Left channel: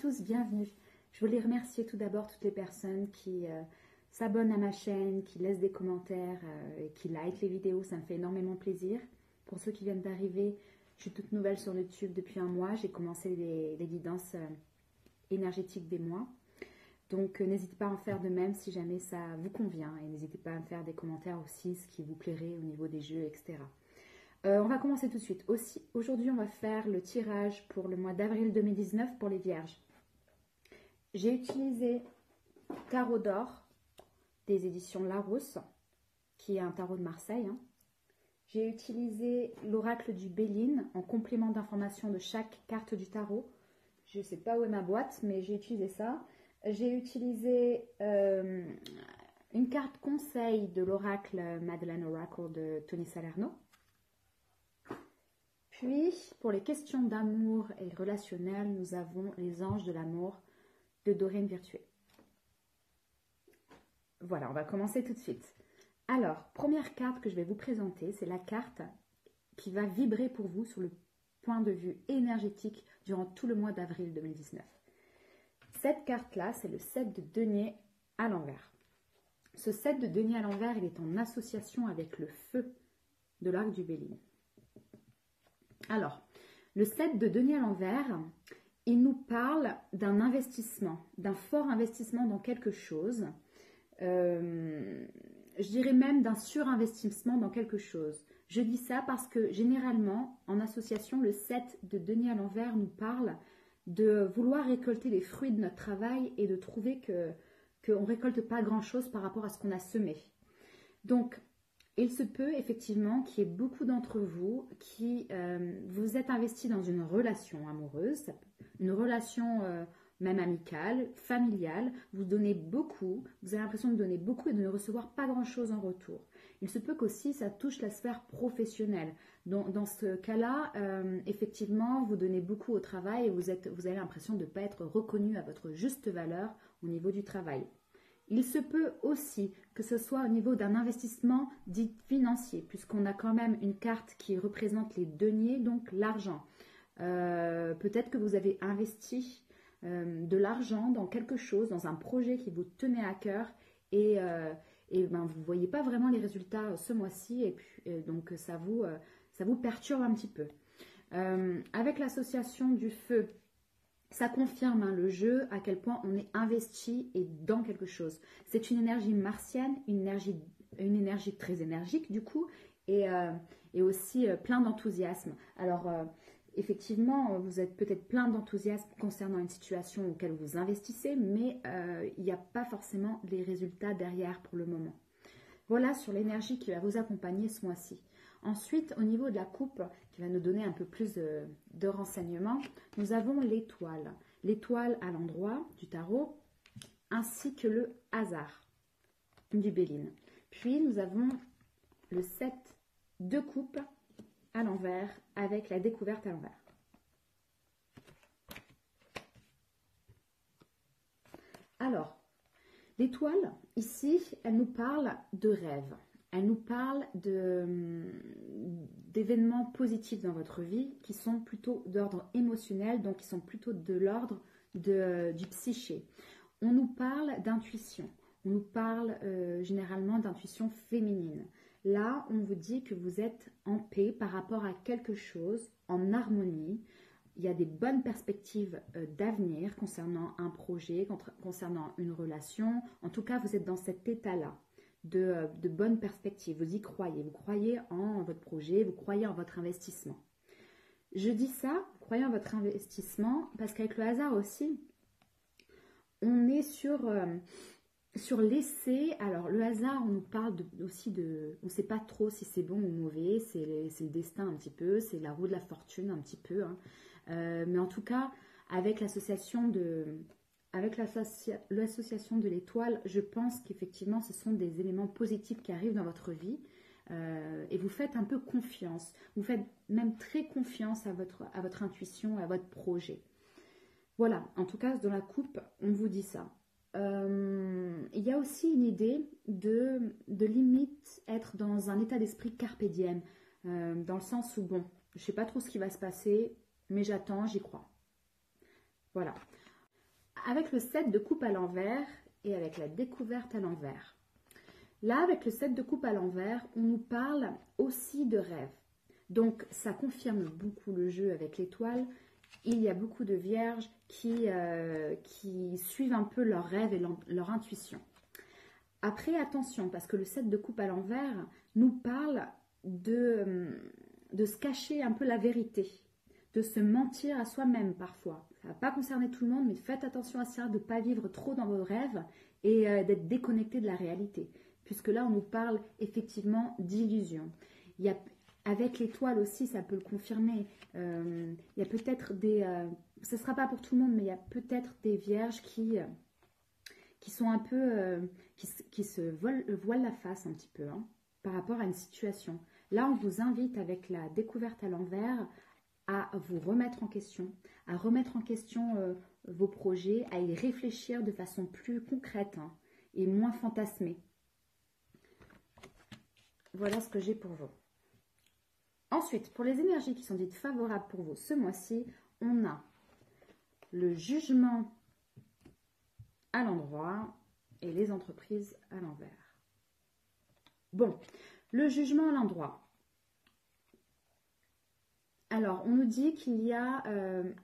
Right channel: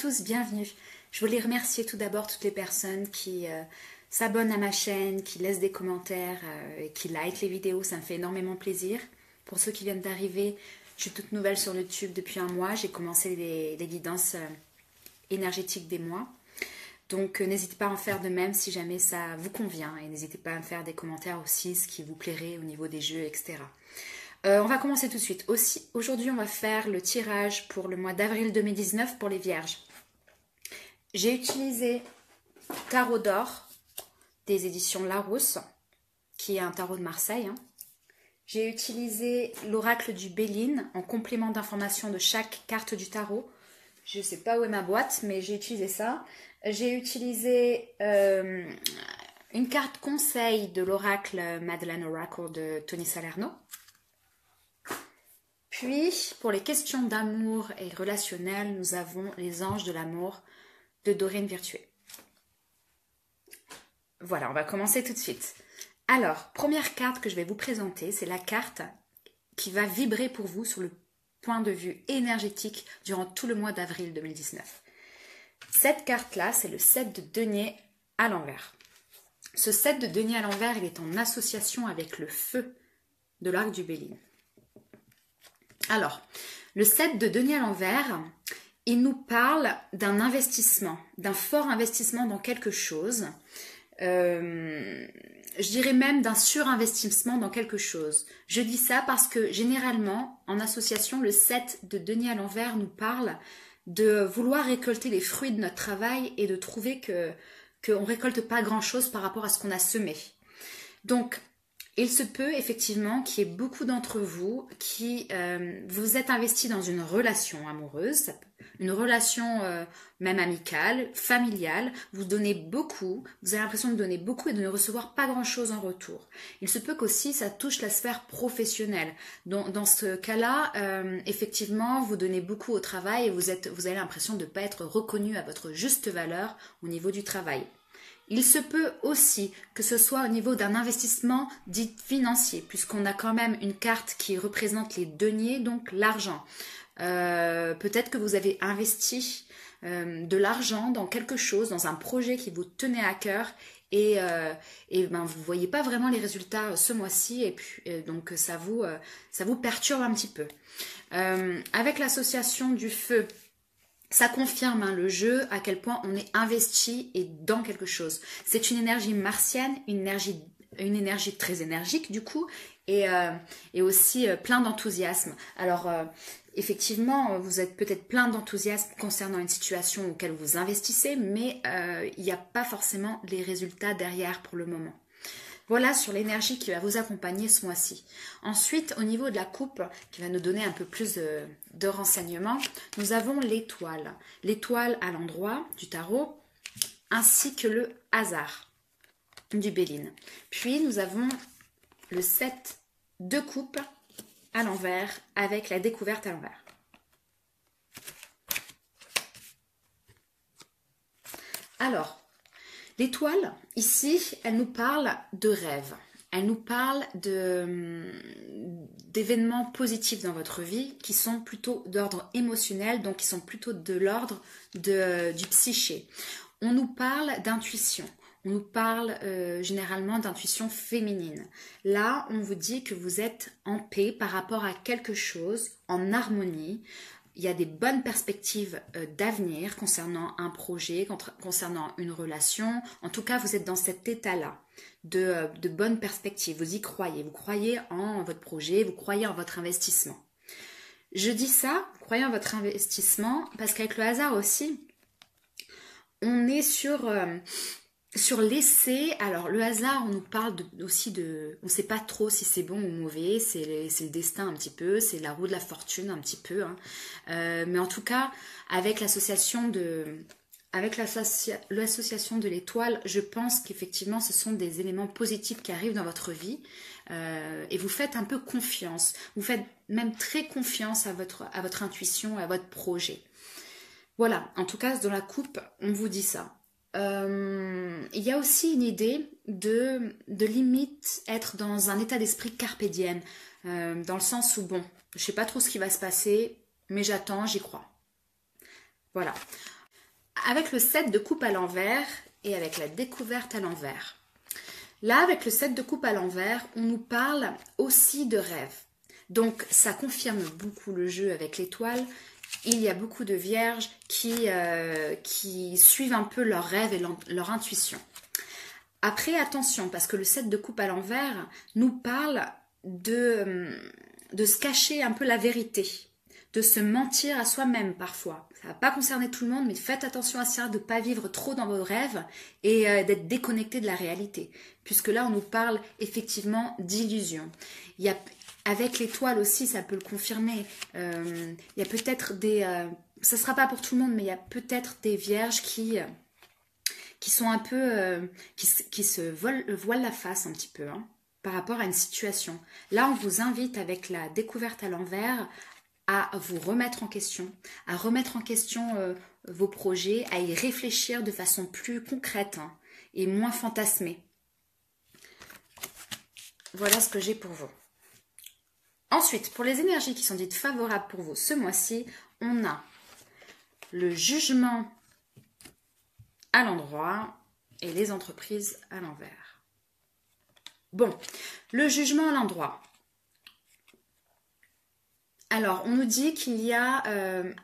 tous, bienvenue. Je voulais remercier tout d'abord toutes les personnes qui s'abonnent à ma chaîne, qui laissent des commentaires, et qui likent les vidéos, ça me fait énormément plaisir. Pour ceux qui viennent d'arriver, je suis toute nouvelle sur YouTube depuis un mois, j'ai commencé les guidances énergétiques des mois. Donc n'hésitez pas à en faire de même si jamais ça vous convient et n'hésitez pas à me faire des commentaires aussi, ce qui vous plairait au niveau des jeux, etc. On va commencer tout de suite. Aussi, aujourd'hui, on va faire le tirage pour le mois d'avril 2019 pour les Vierges. J'ai utilisé Tarot d'Or des éditions Larousse, qui est un tarot de Marseille. J'ai utilisé l'oracle du Béline en complément d'information de chaque carte du tarot. Je ne sais pas où est ma boîte, mais j'ai utilisé ça. J'ai utilisé une carte conseil de l'oracle Madeleine Oracle de Tony Salerno. Puis, pour les questions d'amour et relationnel, nous avons les anges de l'amour de Dorine Virtué. Voilà, on va commencer tout de suite. Alors, première carte que je vais vous présenter, c'est la carte qui va vibrer pour vous sur le point de vue énergétique durant tout le mois d'avril 2019. Cette carte-là, c'est le 7 de denier à l'envers. Ce 7 de denier à l'envers, il est en association avec le feu de l'arc du Béline. Alors, le 7 de denier à l'envers, il nous parle d'un investissement, d'un fort investissement dans quelque chose. Je dirais même d'un surinvestissement dans quelque chose. Je dis ça parce que généralement, en association, le 7 de denier à l'envers nous parle de vouloir récolter les fruits de notre travail et de trouver qu'on ne récolte pas grand-chose par rapport à ce qu'on a semé. Donc, il se peut effectivement qu'il y ait beaucoup d'entre vous qui vous êtes investis dans une relation amoureuse, une relation même amicale, familiale, vous donnez beaucoup, vous avez l'impression de donner beaucoup et de ne recevoir pas grand-chose en retour. Il se peut qu'aussi ça touche la sphère professionnelle. Dans ce cas-là, effectivement, vous donnez beaucoup au travail et vous avez l'impression de ne pas être reconnu à votre juste valeur au niveau du travail. Il se peut aussi que ce soit au niveau d'un investissement dit financier, puisqu'on a quand même une carte qui représente les deniers, donc l'argent. Peut-être que vous avez investi de l'argent dans quelque chose, dans un projet qui vous tenait à cœur et vous ne voyez pas vraiment les résultats ce mois-ci et puis, donc ça vous perturbe un petit peu. Avec l'association du feu, ça confirme le jeu, à quel point on est investi et dans quelque chose. C'est une énergie martienne, une énergie très énergique du coup, et aussi plein d'enthousiasme. Alors, effectivement, vous êtes peut-être plein d'enthousiasme concernant une situation auquel vous investissez, mais il n'y a pas forcément les résultats derrière pour le moment. Voilà sur l'énergie qui va vous accompagner ce mois-ci. Ensuite, au niveau de la coupe, qui va nous donner un peu plus de renseignements, nous avons l'étoile. L'étoile à l'endroit du tarot, ainsi que le hasard du Béline. Puis, nous avons le 7 de coupe à l'envers avec la découverte à l'envers. Alors, l'étoile, ici, elle nous parle de rêve. Elle nous parle d'événements positifs dans votre vie qui sont plutôt d'ordre émotionnel, donc qui sont plutôt de l'ordre du psyché. On nous parle d'intuition. On nous parle généralement d'intuition féminine. Là, on vous dit que vous êtes en paix par rapport à quelque chose, en harmonie. Il y a des bonnes perspectives d'avenir concernant un projet, concernant une relation. En tout cas, vous êtes dans cet état-là de bonnes perspectives. Vous y croyez. Vous croyez en votre projet, vous croyez en votre investissement. Je dis ça, vous croyez en votre investissement, parce qu'avec le hasard aussi, on est sur l'essai. Alors, le hasard, on nous parle aussi de... On ne sait pas trop si c'est bon ou mauvais, c'est le destin un petit peu, c'est la roue de la fortune un petit peu. Mais en tout cas, avec l'association de l'étoile, je pense qu'effectivement, ce sont des éléments positifs qui arrivent dans votre vie. Et vous faites un peu confiance. Vous faites même très confiance à votre intuition, à votre projet. Voilà, en tout cas, dans la coupe, on vous dit ça. Il y a aussi une idée de limite être dans un état d'esprit carpe diem, dans le sens où, bon, je sais pas trop ce qui va se passer, mais j'attends, j'y crois. Voilà. avec le 7 de coupe à l'envers et avec la découverte à l'envers. Là, avec le 7 de coupe à l'envers, on nous parle aussi de rêve. Donc, ça confirme beaucoup le jeu avec l'étoile. Il y a beaucoup de vierges qui suivent un peu leurs rêves et leur intuition. Après, attention, parce que le 7 de coupe à l'envers nous parle de se cacher un peu la vérité, de se mentir à soi-même parfois. Ça ne va pas concerner tout le monde, mais faites attention à ça, de ne pas vivre trop dans vos rêves et d'être déconnecté de la réalité. Puisque là, on nous parle effectivement d'illusion. Avec l'étoile aussi, ça peut le confirmer. Il y a peut-être ça ne sera pas pour tout le monde, mais il y a peut-être des vierges qui sont un peu... qui se voilent la face un petit peu, hein, par rapport à une situation. Là, on vous invite avec la découverte à l'envers à vous remettre en question, à remettre en question vos projets, à y réfléchir de façon plus concrète, hein, et moins fantasmée. Voilà ce que j'ai pour vous. Ensuite, pour les énergies qui sont dites favorables pour vous ce mois-ci, on a le jugement à l'endroit et les entreprises à l'envers. Bon, le jugement à l'endroit. Alors, on nous dit qu'il y a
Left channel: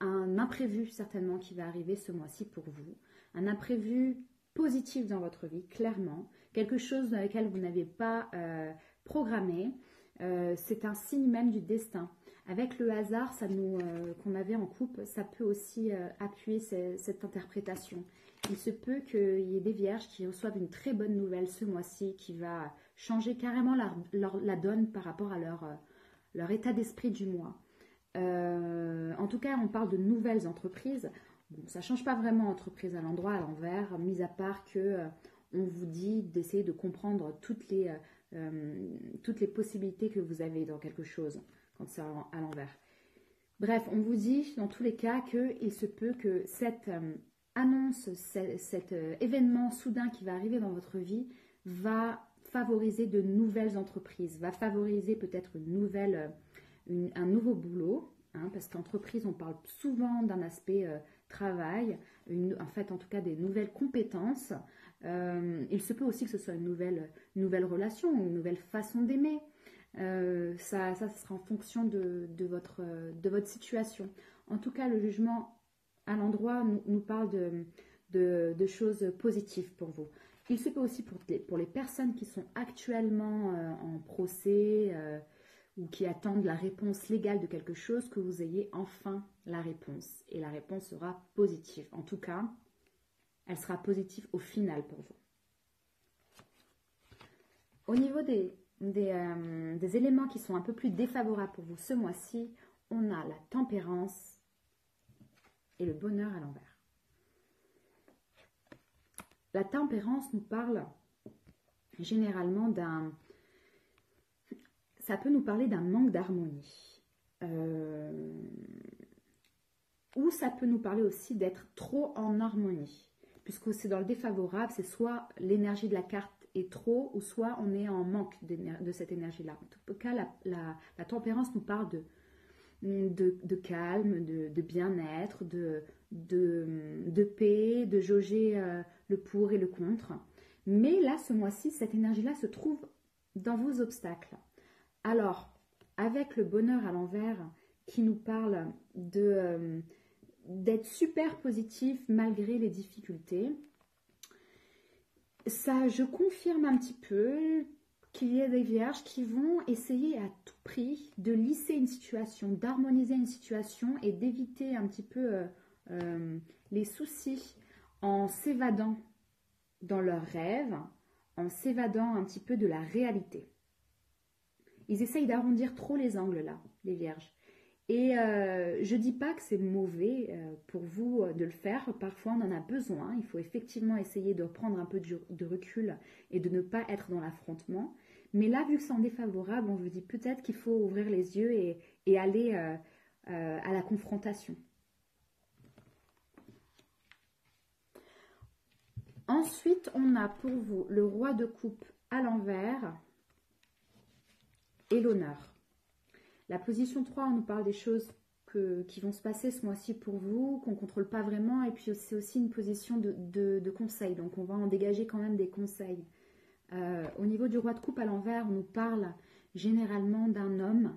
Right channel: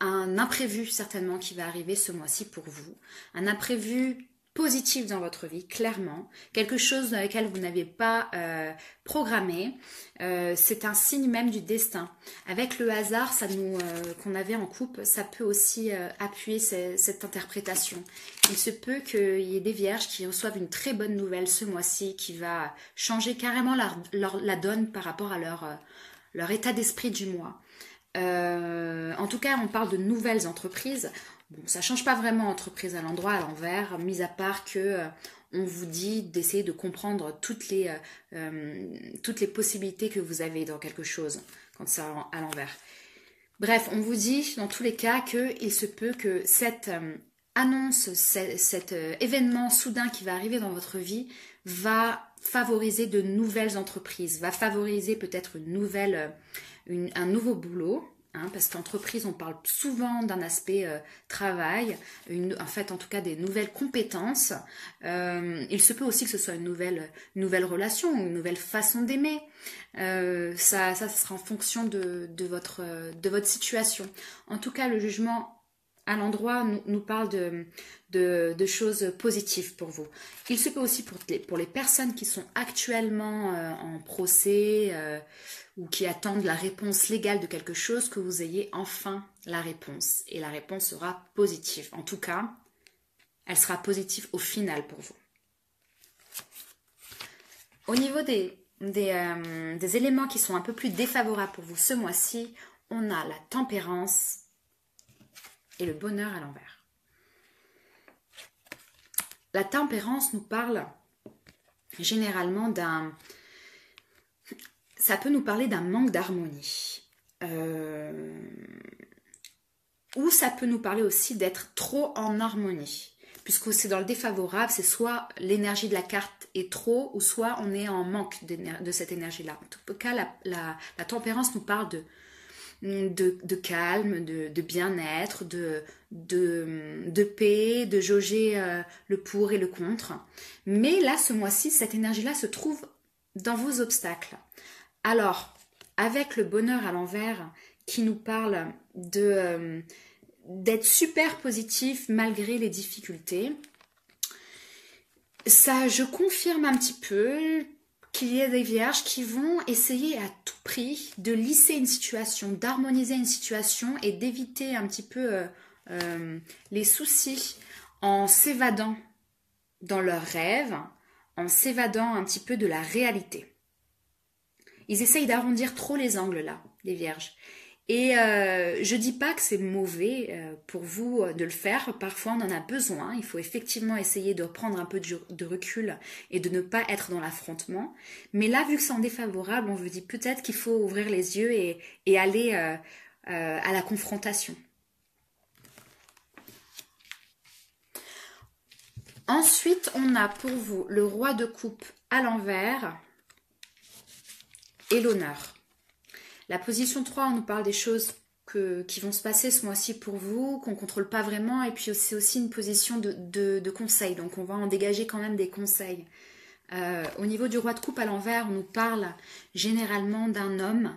un imprévu certainement qui va arriver ce mois-ci pour vous. Un imprévu positif dans votre vie, clairement. Quelque chose dans lequel vous n'avez pas programmé. C'est un signe même du destin. Avec le hasard qu'on avait en couple, ça peut aussi appuyer cette interprétation. Il se peut qu'il y ait des vierges qui reçoivent une très bonne nouvelle ce mois-ci qui va changer carrément la donne par rapport à leur état d'esprit du mois. En tout cas, on parle de nouvelles entreprises. Bon, ça ne change pas vraiment entreprise à l'endroit, à l'envers, mis à part que on vous dit d'essayer de comprendre toutes les possibilités que vous avez dans quelque chose quand c'est à l'envers. Bref, on vous dit dans tous les cas qu'il se peut que cette annonce, cet événement soudain qui va arriver dans votre vie va favoriser de nouvelles entreprises, va favoriser peut-être un nouveau boulot, hein, parce qu'entreprise, on parle souvent d'un aspect travail, en fait, en tout cas, des nouvelles compétences. Il se peut aussi que ce soit une nouvelle relation, une nouvelle façon d'aimer. Ça sera en fonction de votre situation. En tout cas, le jugement à l'endroit nous parle de choses positives pour vous. Il se peut aussi pour les personnes qui sont actuellement en procès ou qui attendent la réponse légale de quelque chose, que vous ayez enfin la réponse. Et la réponse sera positive. En tout cas, elle sera positive au final pour vous. Au niveau des éléments qui sont un peu plus défavorables pour vous ce mois-ci, on a la tempérance et le bonheur à l'envers. La tempérance nous parle généralement ça peut nous parler d'un manque d'harmonie. Ou ça peut nous parler aussi d'être trop en harmonie. Puisque c'est dans le défavorable, c'est soit l'énergie de la carte est trop, ou soit on est en manque de cette énergie-là. En tout cas, la tempérance nous parle de calme, de bien-être, de paix, de jauger le pour et le contre. Mais là, ce mois-ci, cette énergie-là se trouve dans vos obstacles. Alors, avec le bonheur à l'envers qui nous parle d'être super positif malgré les difficultés, ça, je confirme un petit peu qu'il y a des vierges qui vont essayer à tout prix de lisser une situation, d'harmoniser une situation et d'éviter un petit peu les soucis en s'évadant dans leurs rêves, en s'évadant un petit peu de la réalité. Ils essayent d'arrondir trop les angles là, les vierges. Et je dis pas que c'est mauvais pour vous de le faire. Parfois, on en a besoin. Il faut effectivement essayer de prendre un peu de recul et de ne pas être dans l'affrontement. Mais là, vu que c'est en défavorable, on vous dit peut-être qu'il faut ouvrir les yeux et aller à la confrontation. Ensuite, on a pour vous le roi de coupe à l'envers et l'honneur. La position 3, on nous parle des choses qui vont se passer ce mois-ci pour vous, qu'on ne contrôle pas vraiment, et puis c'est aussi une position de conseil, donc on va en dégager quand même des conseils. Au niveau du roi de coupe à l'envers, on nous parle généralement d'un homme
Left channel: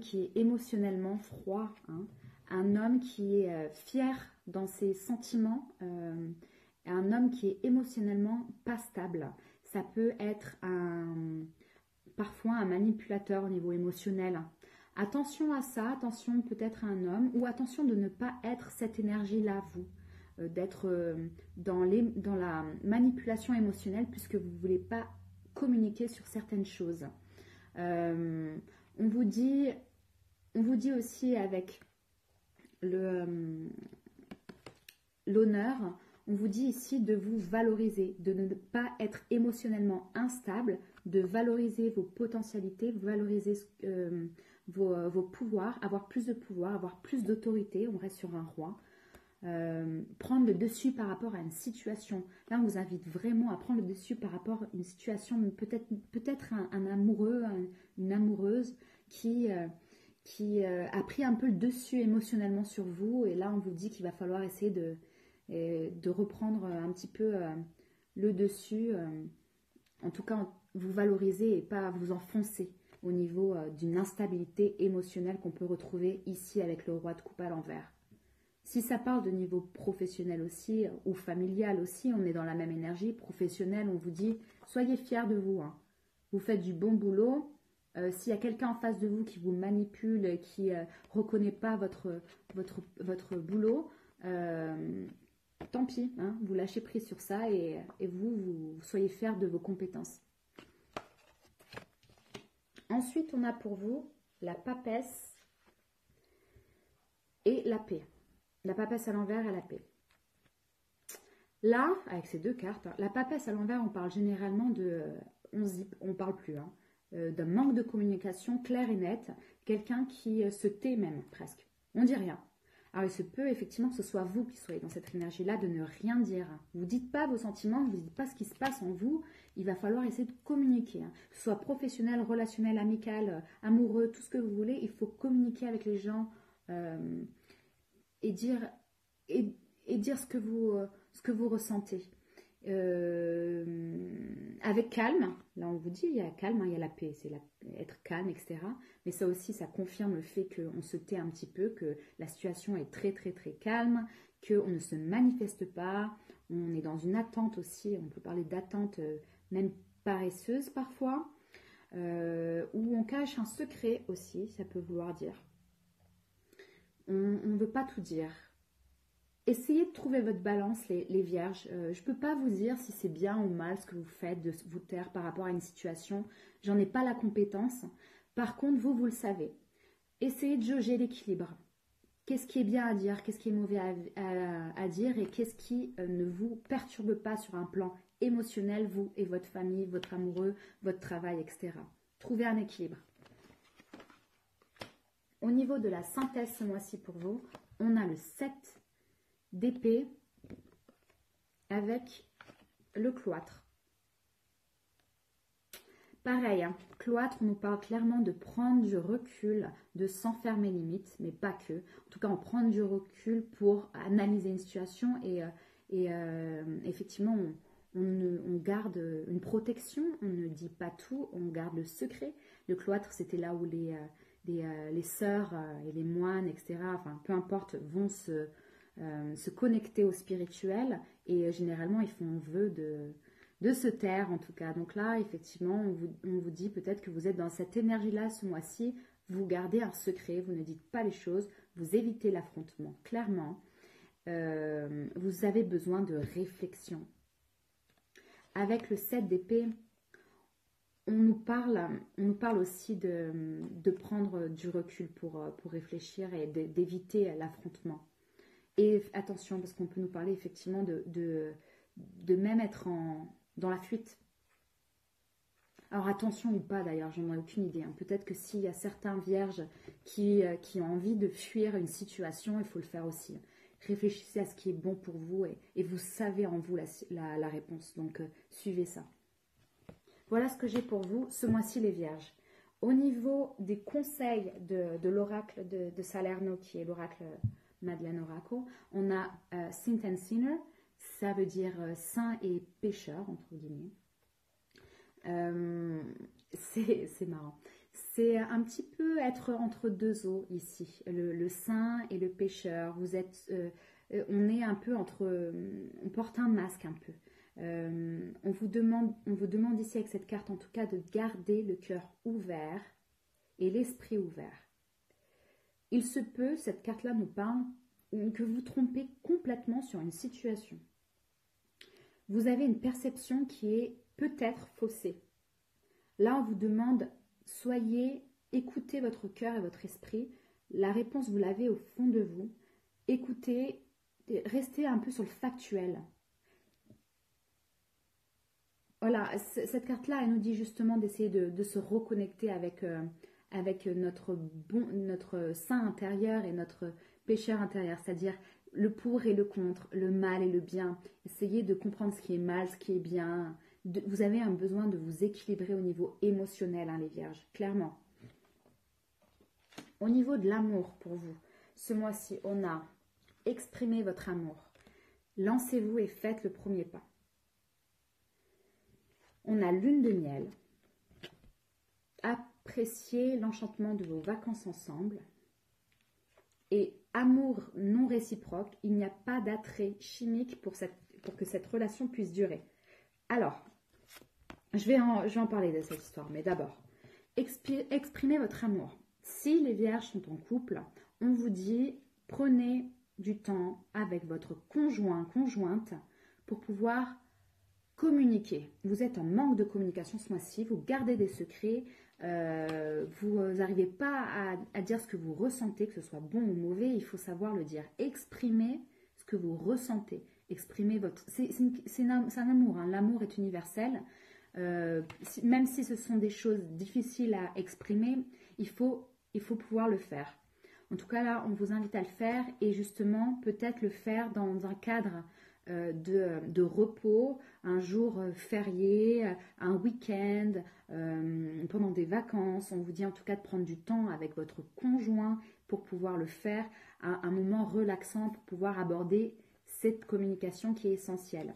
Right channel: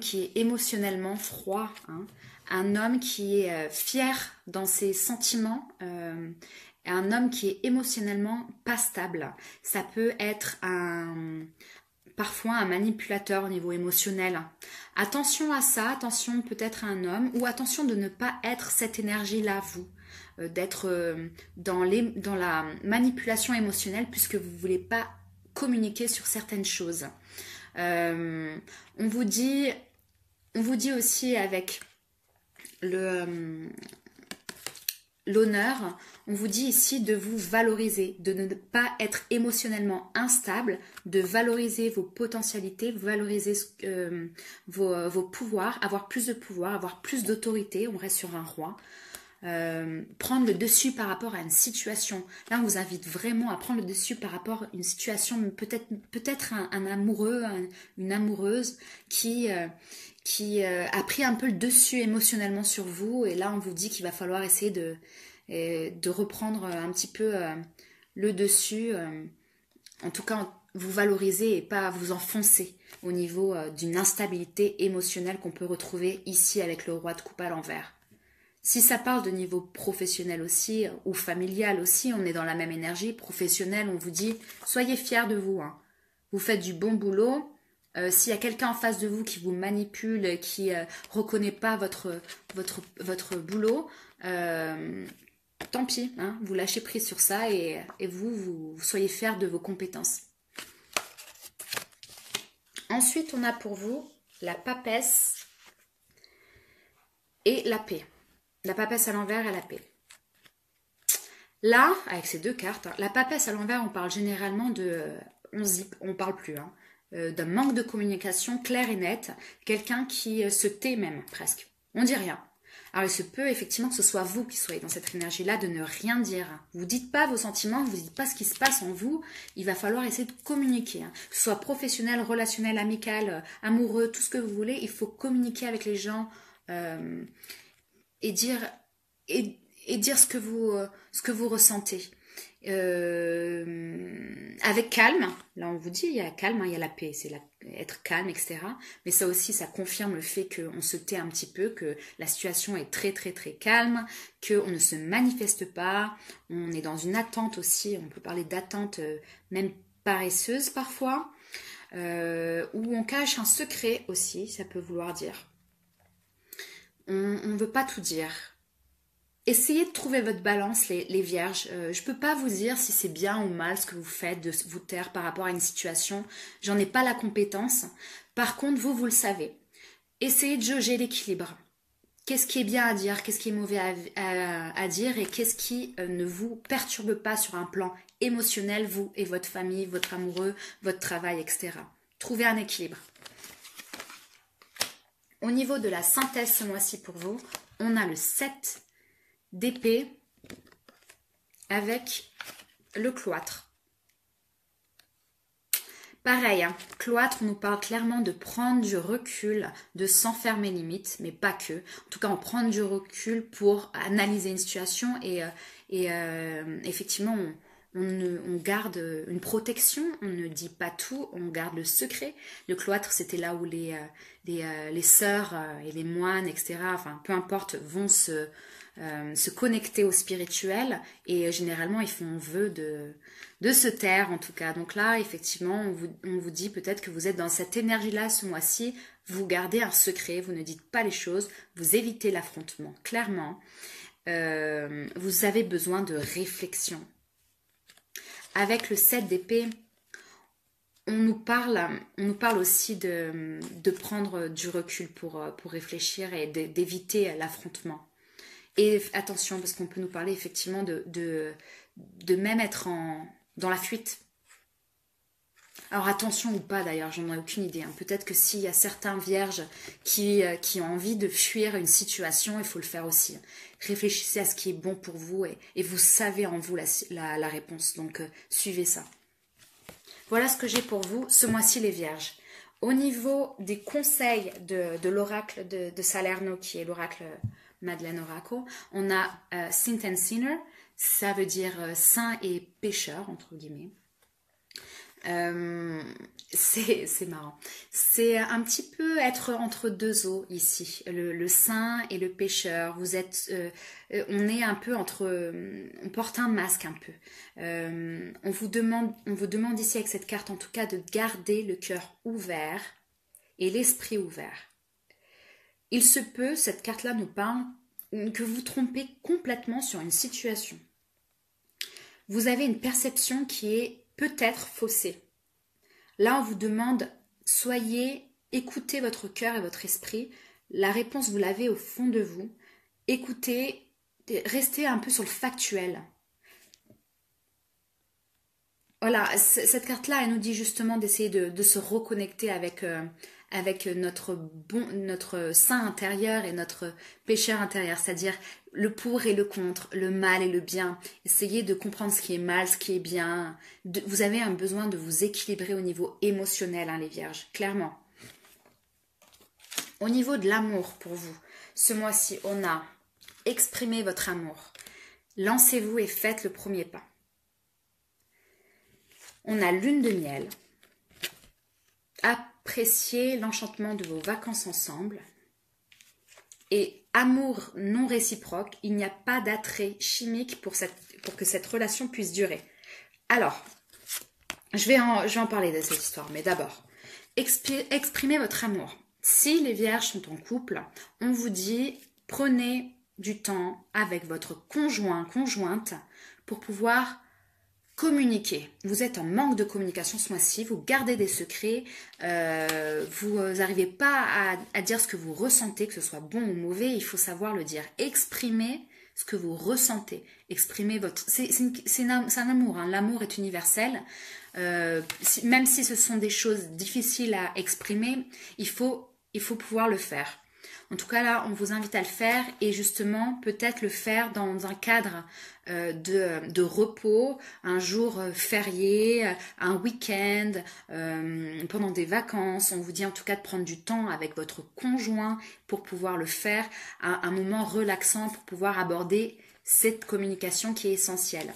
qui est émotionnellement froid, hein, un homme qui est fier dans ses sentiments, un homme qui est émotionnellement pas stable. Ça peut être parfois un manipulateur au niveau émotionnel. Attention à ça, attention peut-être à un homme, ou attention de ne pas être cette énergie-là, vous. D'être dans la manipulation émotionnelle puisque vous ne voulez pas communiquer sur certaines choses. On vous dit aussi avec l'honneur, on vous dit ici de vous valoriser, de ne pas être émotionnellement instable, de valoriser vos potentialités, valoriser vos pouvoirs, avoir plus de pouvoir, avoir plus d'autorité, on reste sur un roi. Prendre le dessus par rapport à une situation. Là, on vous invite vraiment à prendre le dessus par rapport à une situation, peut-être un amoureux, une amoureuse qui a pris un peu le dessus émotionnellement sur vous. Et là, on vous dit qu'il va falloir essayer de reprendre un petit peu le dessus. En tout cas, vous valoriser et pas vous enfoncer au niveau d'une instabilité émotionnelle qu'on peut retrouver ici avec le roi de coupe à l'envers. Si ça parle de niveau professionnel aussi, ou familial aussi, on est dans la même énergie. Professionnel, on vous dit, soyez fiers de vous. Hein. Vous faites du bon boulot. S'il y a quelqu'un en face de vous qui vous manipule, qui ne reconnaît pas votre boulot, tant pis. Hein, vous lâchez prise sur ça et vous soyez fiers de vos compétences. Ensuite, on a pour vous la papesse et la paix. La papesse à l'envers et la paix. Là, avec ces deux cartes, la papesse à l'envers, on parle généralement on ne parle plus, hein, d'un manque de communication clair et net, quelqu'un qui se tait même, presque. On dit rien. Alors, il se peut effectivement que ce soit vous qui soyez dans cette énergie-là de ne rien dire. Vous ne dites pas vos sentiments, vous ne dites pas ce qui se passe en vous, il va falloir essayer de communiquer. Hein. Que ce soit professionnel, relationnel, amical, amoureux, tout ce que vous voulez, il faut communiquer avec les gens et dire ce que vous ressentez. Avec calme, là on vous dit, il y a calme, hein, il y a la paix, c'est être calme, etc. Mais ça aussi, ça confirme le fait qu'on se tait un petit peu, que la situation est très très très calme, qu'on ne se manifeste pas, on est dans une attente aussi, on peut parler d'attente même paresseuse parfois, où on cache un secret aussi, ça peut vouloir dire. On ne veut pas tout dire. Essayez de trouver votre balance, les vierges. Je ne peux pas vous dire si c'est bien ou mal ce que vous faites, de vous taire par rapport à une situation. J'en ai pas la compétence. Par contre, vous le savez. Essayez de jauger l'équilibre. Qu'est-ce qui est bien à dire, qu'est-ce qui est mauvais à dire et qu'est-ce qui ne vous perturbe pas sur un plan émotionnel, vous et votre famille, votre amoureux, votre travail, etc. Trouvez un équilibre. Au niveau de la synthèse ce mois-ci pour vous, on a le 7 d'épée avec le cloître. Pareil, hein, cloître, on nous parle clairement de prendre du recul, de s'enfermer limite, mais pas que. En tout cas, on prend du recul pour analyser une situation et effectivement, on garde une protection, on ne dit pas tout, on garde le secret. Le cloître, c'était là où les sœurs et les moines, etc., enfin, peu importe, vont se connecter au spirituel et généralement, ils font vœu de se taire en tout cas. Donc là, effectivement, on vous dit peut-être que vous êtes dans cette énergie-là ce mois-ci, vous gardez un secret, vous ne dites pas les choses, vous évitez l'affrontement, clairement. Vous avez besoin de réflexion. Avec le 7 d'épée, on nous parle aussi de prendre du recul pour réfléchir et d'éviter l'affrontement. Et attention, parce qu'on peut nous parler effectivement de même être dans la fuite. Alors attention ou pas d'ailleurs, j'en ai aucune idée. Hein. Peut-être que s'il y a certains vierges qui ont envie de fuir une situation, il faut le faire aussi. Réfléchissez à ce qui est bon pour vous et vous savez en vous la réponse. Donc suivez ça. Voilà ce que j'ai pour vous ce mois-ci les vierges. Au niveau des conseils de l'oracle de Salerno, qui est l'oracle Madeleine Oracle, on a Saint and Sinner, ça veut dire saint et pécheur, entre guillemets. C'est marrant. C'est un petit peu être entre deux eaux ici, le saint et le pécheur. Vous êtes, on est un peu entre, on porte un masque un peu. On vous demande ici avec cette carte en tout cas de garder le cœur ouvert et l'esprit ouvert. Il se peut, cette carte-là nous parle, que vous trompez complètement sur une situation. Vous avez une perception qui est peut-être faussée. Là, on vous demande, écoutez votre cœur et votre esprit. La réponse, vous l'avez au fond de vous. Écoutez, restez un peu sur le factuel. Voilà, cette carte-là, elle nous dit justement d'essayer de se reconnecter avec notre saint intérieur et notre pécheur intérieur, c'est-à-dire le pour et le contre, le mal et le bien. Essayez de comprendre ce qui est mal, ce qui est bien. Vous avez un besoin de vous équilibrer au niveau émotionnel, hein, les vierges, clairement. Au niveau de l'amour pour vous, ce mois-ci, on a exprimé votre amour. Lancez-vous et faites le premier pas. On a lune de miel. Appréciez l'enchantement de vos vacances ensemble. Et amour non réciproque, il n'y a pas d'attrait chimique pour que cette relation puisse durer. Alors, je vais en parler de cette histoire, mais d'abord, exprimez votre amour. Si les vierges sont en couple, on vous dit, prenez du temps avec votre conjointe pour pouvoir communiquer. Vous êtes en manque de communication ce mois-ci, vous gardez des secrets, vous n'arrivez pas à dire ce que vous ressentez, que ce soit bon ou mauvais, il faut savoir le dire. Exprimez ce que vous ressentez. Exprimez votre... C'est un amour, hein. L'amour est universel. Même si ce sont des choses difficiles à exprimer, il faut pouvoir le faire. En tout cas, là, on vous invite à le faire et justement, peut-être le faire dans un cadre de repos, un jour férié, un week-end, pendant des vacances. On vous dit en tout cas de prendre du temps avec votre conjoint pour pouvoir le faire, un moment relaxant pour pouvoir aborder cette communication qui est essentielle.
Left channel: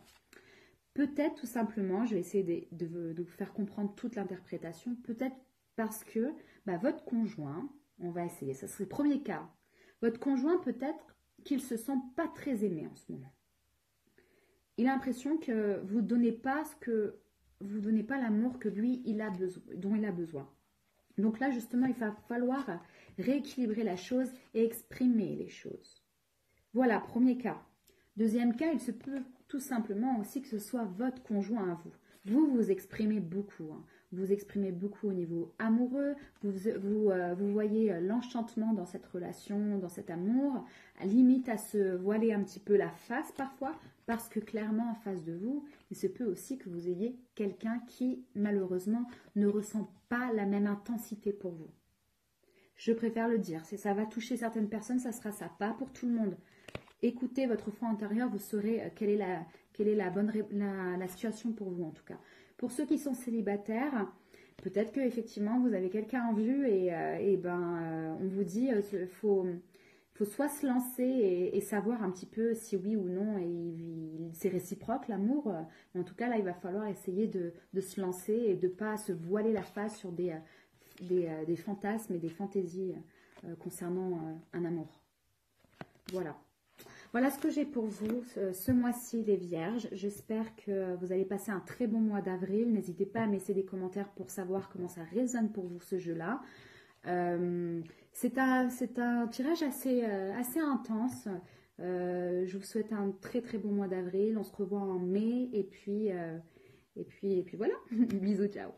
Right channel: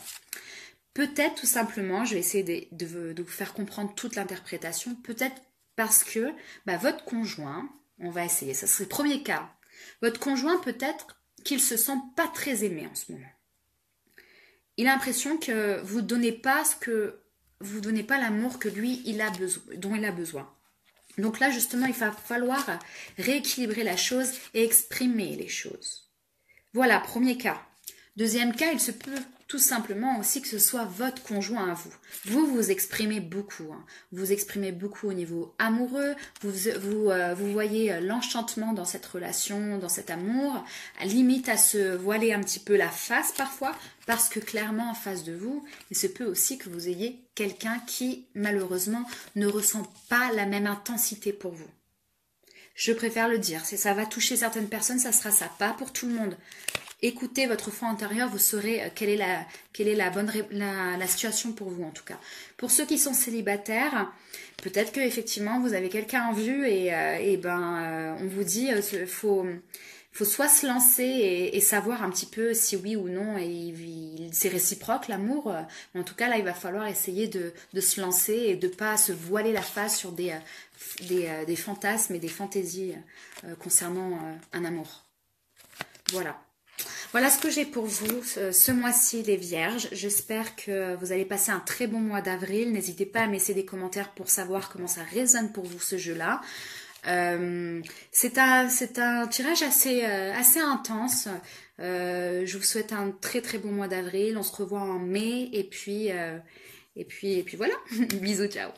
Peut-être tout simplement, je vais essayer de vous faire comprendre toute l'interprétation, peut-être parce que votre conjoint, on va essayer, ça serait le premier cas, votre conjoint peut-être qu'il se sent pas très aimé en ce moment. Il a l'impression que vous ne donnez pas l'amour que lui, dont il a besoin. Donc là, justement, il va falloir rééquilibrer la chose et exprimer les choses. Voilà, premier cas. Deuxième cas, il se peut tout simplement aussi que ce soit votre conjoint à vous. Vous exprimez beaucoup. Hein. Vous exprimez beaucoup au niveau amoureux. Vous voyez l'enchantement dans cette relation, dans cet amour. Limite à se voiler un petit peu la face parfois. Parce que clairement en face de vous, il se peut aussi que vous ayez quelqu'un qui malheureusement ne ressent pas la même intensité pour vous. Je préfère le dire. Si ça va toucher certaines personnes, ça sera ça. Pas pour tout le monde. Écoutez votre fond intérieur, vous saurez quelle est la situation pour vous en tout cas. Pour ceux qui sont célibataires, peut-être que effectivement vous avez quelqu'un en vue et on vous dit faut soit se lancer et savoir un petit peu si oui ou non c'est réciproque l'amour. En tout cas là il va falloir essayer de se lancer et de pas se voiler la face sur des fantasmes et des fantaisies concernant un amour. Voilà ce que j'ai pour vous ce mois-ci, les vierges. J'espère que vous allez passer un très bon mois d'avril. N'hésitez pas à me laisser des commentaires pour savoir comment ça résonne pour vous ce jeu-là. C'est un tirage assez intense. Je vous souhaite un très très bon mois d'avril. On se revoit en mai et puis voilà. Bisous, ciao.